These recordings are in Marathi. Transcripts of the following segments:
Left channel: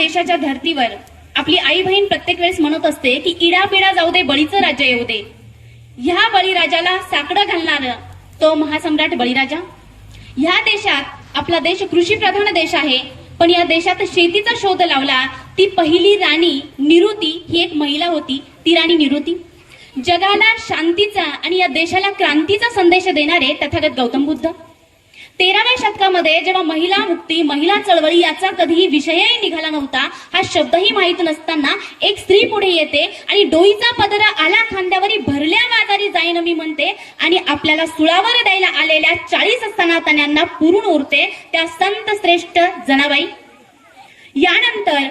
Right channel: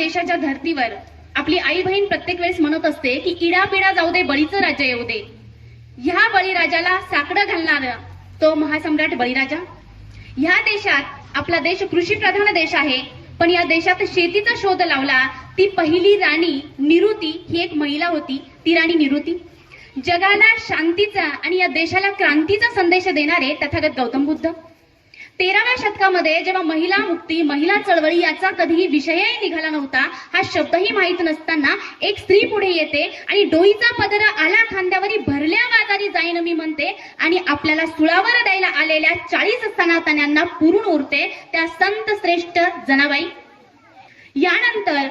देशाच्या धर्तीवर आपली आई बहीण प्रत्येक वेळेस म्हणत असते की इडापिडा जाऊ दे, बळीचं राज्य येऊ दे. ह्या बळीराजाला साकडं घालणार तो महासम्राट बळीराजा. ह्या देशात आपला देश कृषी प्रधान देश आहे, पण या देशात शेतीचा शोध लावला ती पहिली राणी निरुती ही एक महिला होती. ती राणी निरुती. जगाला शांतीचा आणि या देशाला क्रांतीचा संदेश देणारे तथागत गौतम बुद्ध. 13व्या शतकामध्ये जेव्हा महिला मुक्ती, महिला चळवळी याचा कधीही विषयही निघाला नव्हता, हा शब्दही माहीत नसताना एक स्त्री पुढे येते आणि डोईचा पदरा आला खांद्यावरी भरल्या बाजारी जाईन मी म्हणते आणि आपल्याला सुळावर द्यायला आलेल्या 40 सनातन्यांना पुरून उरते त्या संत श्रेष्ठ जनाबाई. यानंतर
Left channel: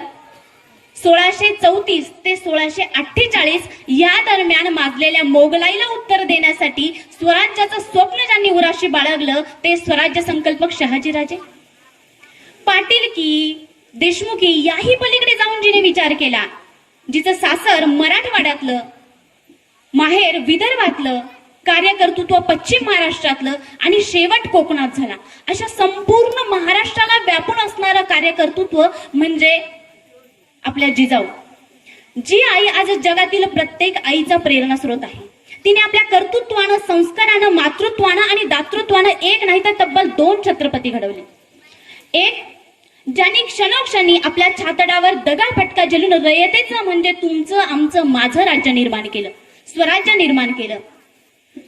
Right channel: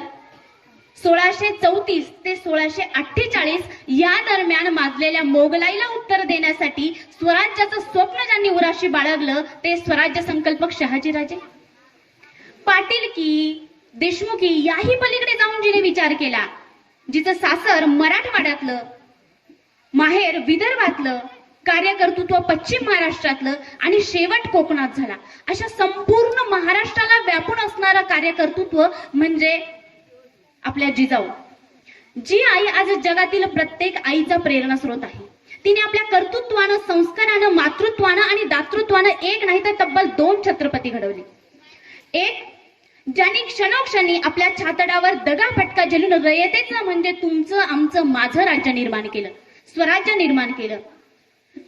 1634 ते 1648 या दरम्यान माजलेल्या मोगलाईला उत्तर देण्यासाठी स्वराज्याचं स्वप्न ज्यांनी उराशी बाळगलं ते स्वराज्य संकल्पक शहाजीराजे. पाटीलकी, देशमुखी याही पलीकडे जाऊन जिने विचार केला, जिचं सासर मराठवाड्यातलं, माहेर विदर्भातलं, कार्यकर्तृत्व पश्चिम महाराष्ट्रातलं आणि शेवट कोकणात झाला, अशा संपूर्ण महाराष्ट्राला व्यापून असणारं कार्यकर्तृत्व म्हणजे आपल्या जिजाऊ. जी आई आज जगातील प्रत्येक आईचा प्रेरणा स्रोत आहे. तिने आपल्या कर्तृत्वानं, संस्कारानं, मातृत्वानं आणि दातृत्वानं एक नाही तर तब्बल 2 छत्रपती घडवले. एक ज्यांनी क्षणोक्षणी आपल्या छातडावर दगाफटका झेलून रयतेचं म्हणजे तुमचं, आमचं, माझं राज्य निर्माण केलं, स्वराज्य निर्माण केलं.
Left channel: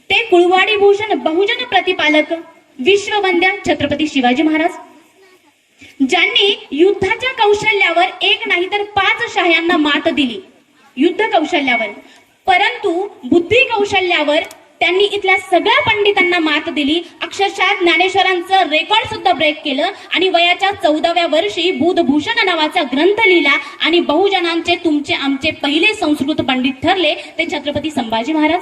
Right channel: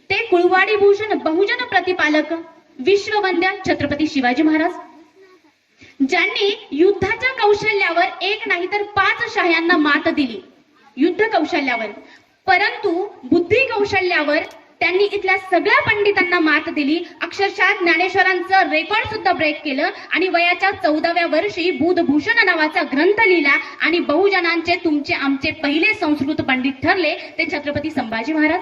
ते कुळवाडी भूषण, बहुजन प्रतिपालक, विश्ववंद्या छत्रपती शिवाजी महाराज. ज्यांनी युद्धाच्या कौशल्यावर एक नाही तर 5 शाह्यांना मात दिली युद्ध कौशल्यावर, परंतु बुद्धी कौशल्यावर त्यांनी इथल्या सगळ्या पंडितांना मात दिली. अक्षरशः ज्ञानेश्वरांचं रेकॉर्ड सुद्धा ब्रेक केलं आणि वयाच्या 14व्या वर्षी बुधभूषण नावाचा ग्रंथ लिहिला आणि बहुजनांचे, तुमचे, आमचे पहिले संस्कृत पंडित ठरले ते छत्रपती संभाजी महाराज.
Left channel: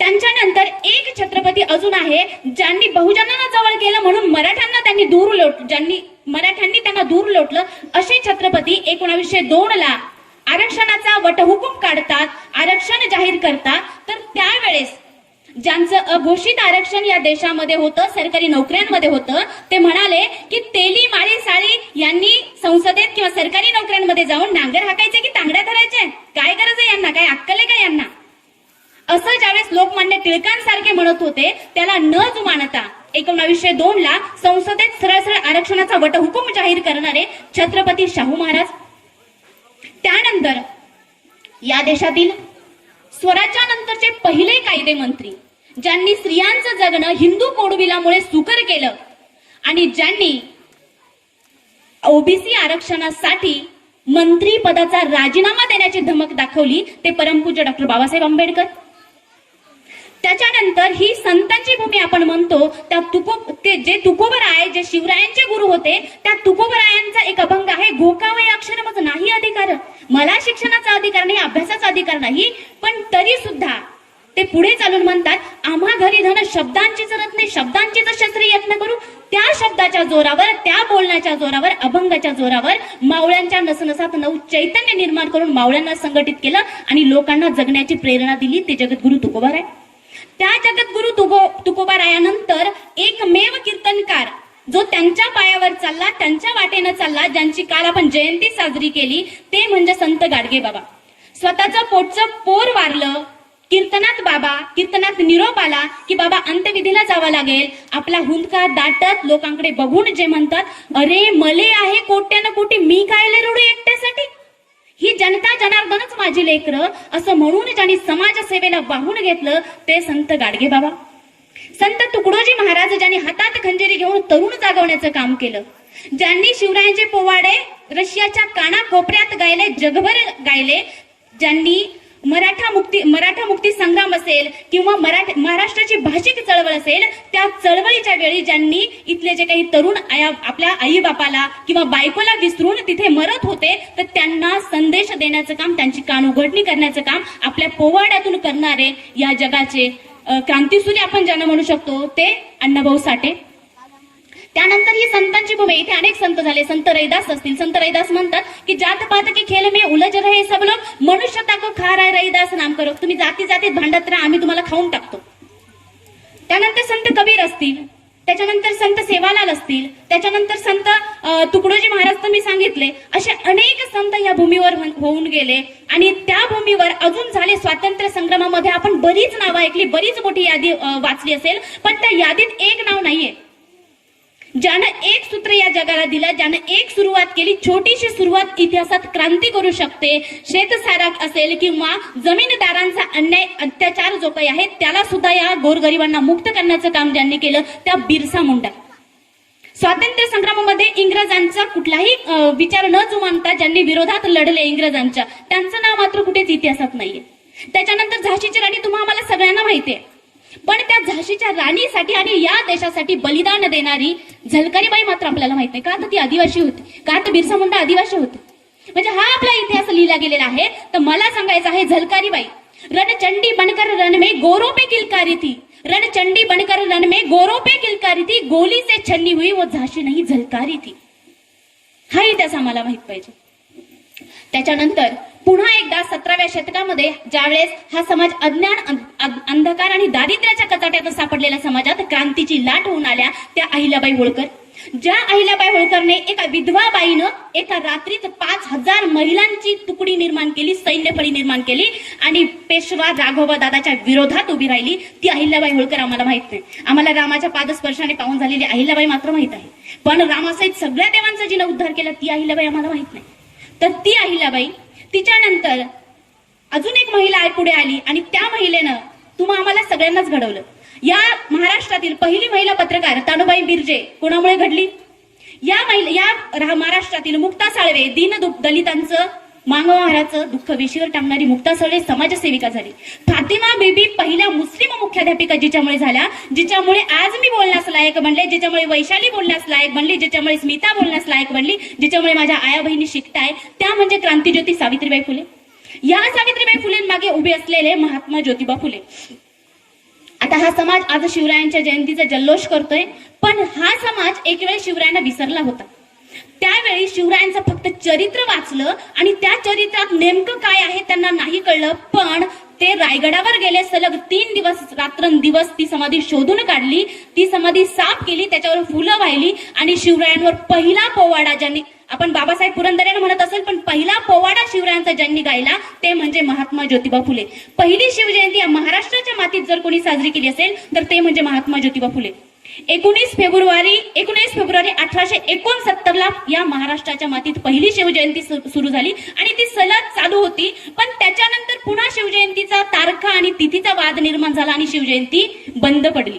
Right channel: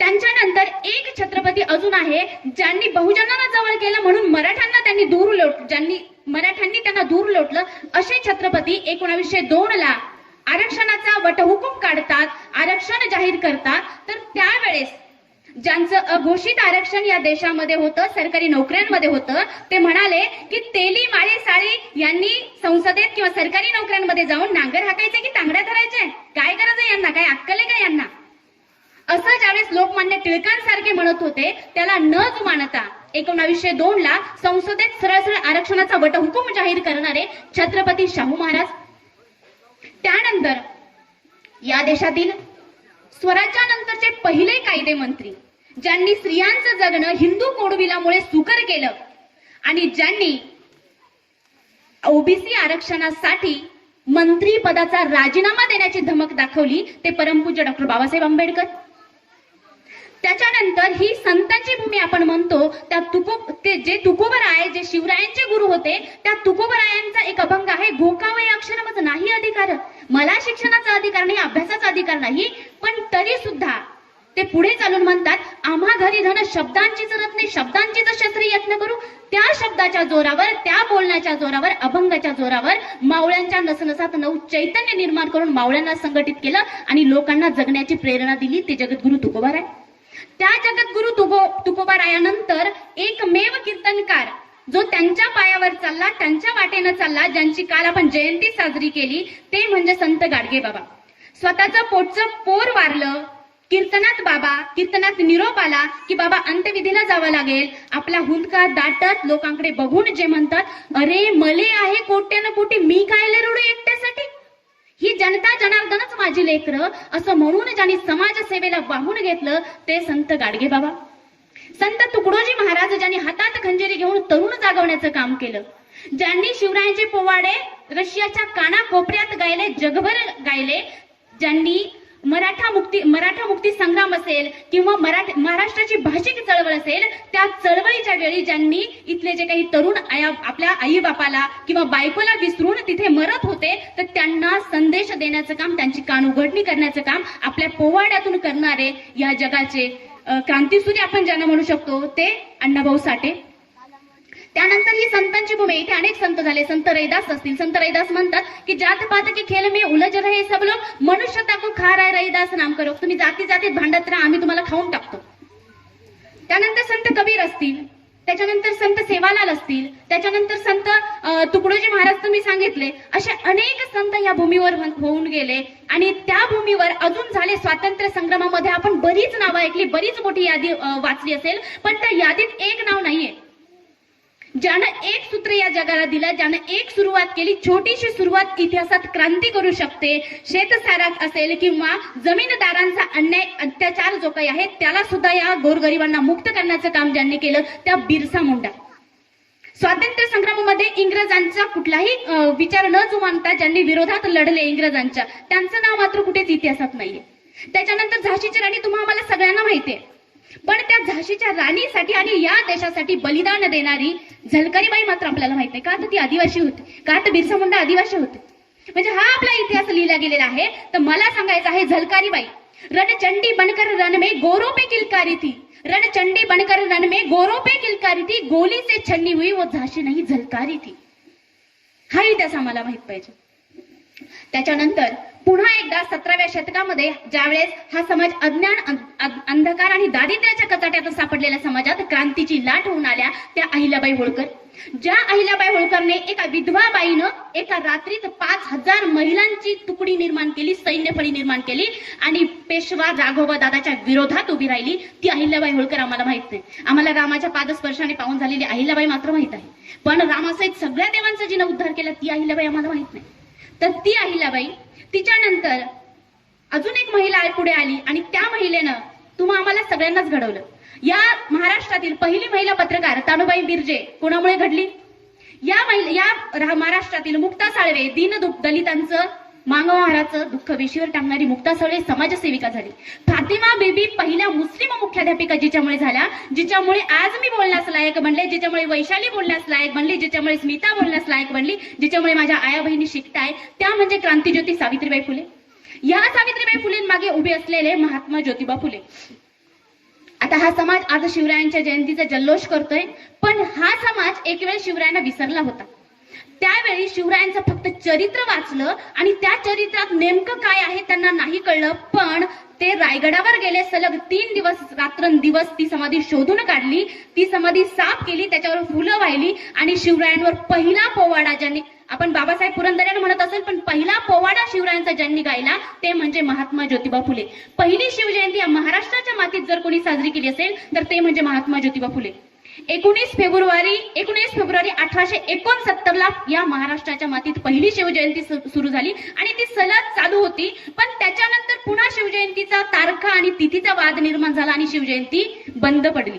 त्यांच्यानंतर एक छत्रपती अजून आहे ज्यांनी बहुजनांना जवळ केलं म्हणून मराठ्यांनी त्यांना दूर लोटलं. असे छत्रपती 1902 ला आरक्षणाचा वटहुकूम काढतात, आरक्षण जाहीर करतात. तर त्यावेळेस ज्यांचं अघोषित आरक्षण या देशामध्ये होतं, सरकारी नोकऱ्यांमध्ये होतं, ते म्हणाले की तेली माळी साळी यांनी संसदेत किंवा सरकारी नोकऱ्यांमध्ये जाऊन नांगर हाकायचे की तांगड्या धरायचे, काय गरज आहे यांना, काय अक्कल आहे का यांना, असं ज्यावेळेस लोकमान्य टिळकांसारखे म्हणत होते, त्याला न जुमानता 1902 ला संसदेत सरळ आरक्षणाचा वटहुकूम जाहीर करणारे छत्रपती शाहू महाराज. त्यानंतर या देशातील स्वराज्यानंतरचे पहिले कायदे मंत्री, ज्यांनी स्त्रियांचं जगणं हिंदू कोडविलामुळे सुकर केलं आणि ज्यांनी ओबीसी आरक्षणासाठी मंत्री पदाचा राजीनामा देण्याची धमक दाखवली, ते परमपूज्य डॉक्टर बाबासाहेब आंबेडकर. त्याच्यानंतर ही संतांची भूमी आपण म्हणतो, ते जे तुकोबराय, जे शिवरायांचे गुरु होते, त्या तुकोबरायांचा एक अभंग आहे, घोकावय अक्षरमच नाही अधिकार, मला शिक्षणाचा अधिकार नाही, अभ्यासाचा अधिकार नाही, पण तरी सुद्धा ते पुढे चालून म्हणतात, आम्हा घरी धन शब्दांची जरत नाही, शब्दांचीच शस्त्री यत्न करू. त्या शब्दाच्या जोरावर, त्या बोलण्याच्या जोरावर, अभंगाच्या जोरावर मावळ्यांच्या नसनसात नऊ चैतन्य निर्माण करून मावळ्यांना संघटित केलं आणि लोकांना जगण्याची प्रेरणा दिली. ते जगद्गुरु तुकोबाराय. त्या जगद्गुरु तुकोबारायानंतर एकमेव कीर्तनकार जो त्यांच्या पायावर चालला, त्यांच्या वाटेनं चालला, ज्यांची काल आपण जयंती साजरी केली, ते म्हणजे संत गाडगे बाबा. स्वतःचं पोटचं पोर वारलं, कीर्तनात निरोप आला की बाबा अंत्यविधीला जावं लागेल. आपला हुंदका दाटत लोकांकडे बघून जे म्हणतात, अरे मले आहे कोट्यानं कोटी, मी कायले रडू एकट्यासाठी, ही जनता जनार्दनच माझी लेकरं, असं म्हणून ज्यांनी समाजसेवेला वाहून घेतलं ते संत गाडगे बाबा. संत तुकडोजी महाराज ज्यांनी हातात खंजिरी घेऊन तरुण जागवण्याचं काम केलं, ज्यांनी शिवरायांचे पोवाडे रशियाच्या कानाकोपऱ्यात गायले, जगभर गायले, ज्यांनी मराठा मुक्ती संग्राम असेल किंवा महाराष्ट्राची भाषिक चळवळ असेल, त्या चळवळीच्या वेळी ज्यांनी इथले जे काही तरुण आपल्या आई बापाला किंवा बायकोला विसरून तिथे मरत होते, तर त्यांना संदेश देण्याचं काम, त्यांची कान उघडणी करण्याचं काम आपल्या पोवाड्यातून करणारे या जगाचे क्रांतीसूर्य आपण ज्यांना म्हणू शकतो ते अण्णाभाऊ साठे. त्यानंतर ही संतांची भूमी. इथे अनेक संत झाले. संत रैदास असतील. संत रैदास म्हणतात की जात पात की खेळ में उलझ रहे सब लोग, मनुष्यता को खा रहा है रैदास नाम करो. तुम्ही जाती जातीत भांडत राहा, आम्ही तुम्हाला खाऊन टाकतो. त्यानंतर संत कबीर असतील. त्याच्यानंतर संत सेवालाल असतील, त्याच्यानंतर संत तुकडोजी महाराज तर मी सांगितले, असे अनेक संत या भूमीवर होऊन गेले. आणि त्या भूमीवर अजून झाले स्वातंत्र्य संग्रामामध्ये आपण बरीच नावं ऐकली, बरीच मोठी यादी वाचली असेल, पण त्या यादीत एक नाव नाहीये ज्यानं एक सूत्र या जगाला दिलं, ज्यानं एक सुरुवात केली. छोटीशी सुरुवात इतिहासात क्रांती करू शकते. शेतसाराक असेल किंवा जमीनदारांचा अन्याय अत्याचार जो काही आहे त्याला सुद्धा या गोरगरिबांना मुक्त करण्याचं काम ज्यांनी केलं त्या बिरसा मुंडा. स्वातंत्र्य संग्रामामध्ये इंग्रजांचा कुठलाही विचार न जुमानता ज्यांनी विरोधात लढले इंग्रजांच्या, त्यांचं नाव मात्र कुठेच इतिहासात नाहीये. त्याच्यानंतर झाशीची राणी तुम्हा आम्हाला सगळ्यांना माहितीये, पण त्या झाशीच्या राणीसाठी आणि या देशासाठी बलिदान देणारी झलकारीबाई मात्र आपल्याला माहित नाही. का तर ती आदिवासी होती, का तर बिरसा मुंडा आदिवासी होते. म्हणजे हा आपला इतिहास लिहिला गेलेला आहे. तर मला सांगायचं आहे, झलकारीबाई रणचंडी बनकर रण में गोरों पे किलकारी थी, रणचंडी बनकर रण में गोरों पे किलकारी थी, गोली से छन्नी हुई वो झाशी नहीं झलकारी थी. हा इतिहास आम्हाला माहित पाहिजे. त्याच्यानंतर पुन्हा एकदा 17व्या शतकामध्ये ज्यावेळेस हा समाज अज्ञान, अंधकार आणि दारिद्र्याच्या कचाट्यात सापडलेल्या समाजात क्रांतीची लाट होऊन आल्या त्या अहिल्याबाई होळकर. ज्या अहिल्याबाई होळकरने एका विधवा बाईनं एका रात्रीत 5000 महिलांची तुकडी निर्माण केली, सैन्यफळी निर्माण केली आणि पेशवा राघोबा दादाच्या विरोधात उभी राहिली, ती अहिल्याबाई होळकर आम्हाला माहित नाही. आम्हाला रामाच्या पादस्पर्शाने पाहून झालेली अहिल्याबाई मात्र माहित आहे, पण रामासहित सगळ्या देवांचा जिने उद्धार केला ती अहिल्याबाई आम्हाला माहित नाही. तर ती अहिल्याबाई, तिच्यानंतर अजून एक महिला पुढे आली आणि त्या महिलेनं तुम्हा आम्हाला सगळ्यांनाच घडवलं. या महाराष्ट्रातील पहिली महिला पत्रकार तानुबाई बिर्जे कोणामुळे घडली? या महाराष्ट्रातील मुक्ता साळवे, दीन दलितांचं, मागणाराचं दुःख वेशीवर टाकणारी मुक्ता साळवे समाजसेविका झाली. फातिमा बीबी पहिल्या मुस्लिम मुख्याध्यापिका जिच्यामुळे झाल्या, जिच्यामुळे आज मी बोलण्यास लायक बनले, जिच्यामुळे वैशाली बोलण्यास लायक बनली, जिच्यामुळे स्मिता बोलण्यास लायक बनली, जिच्यामुळे माझ्या आया बहिणी शिकताय, त्या म्हणजे क्रांतीज्योती सावित्रीबाई फुले. या सावित्रीबाई फुलेंमागे उभे असलेले महात्मा ज्योतिबा फुले. आता हा समाज आज शिवरायांच्या जयंतीचा जल्लोष करतोय, पण हा समाज एक वेळ शिवरायांना विसरला होता. त्यावेळी शिवरायांचं फक्त चरित्र वाचलं आणि त्या चरित्रात नेमकं काय आहे त्यांना नाही कळलं. पण ते रायगडावर गेले, सलग 3 दिवस रात्रंदिवस ती समाधी शोधून काढली, ती समाधी साफ केली, त्याच्यावर फुलं वाहिली आणि शिवरायांवर पहिला पोवाडा, ज्यांनी आपण बाबासाहेब पुरंदरेने म्हणत असेल, पण पहिला पोवाडा शिवरायांचा ज्यांनी गायला ते म्हणजे महात्मा ज्योतिबा फुले. पहिली शिवजयंती या महाराष्ट्राच्या मातीत जर कोणी साजरी केली असेल तर ते म्हणजे महात्मा ज्योतिबा फुले. 19 फेब्रुवारी 1869 ला या महाराष्ट्राच्या मातीत पहिली शिवजयंती सुरू झाली आणि ती सलग चालू होती. पण त्याच्यानंतर पुन्हा शिवजयंतीचा तारखा आणि तिथीचा वाद निर्माण झाला आणि शिवजयंती बंद पडली.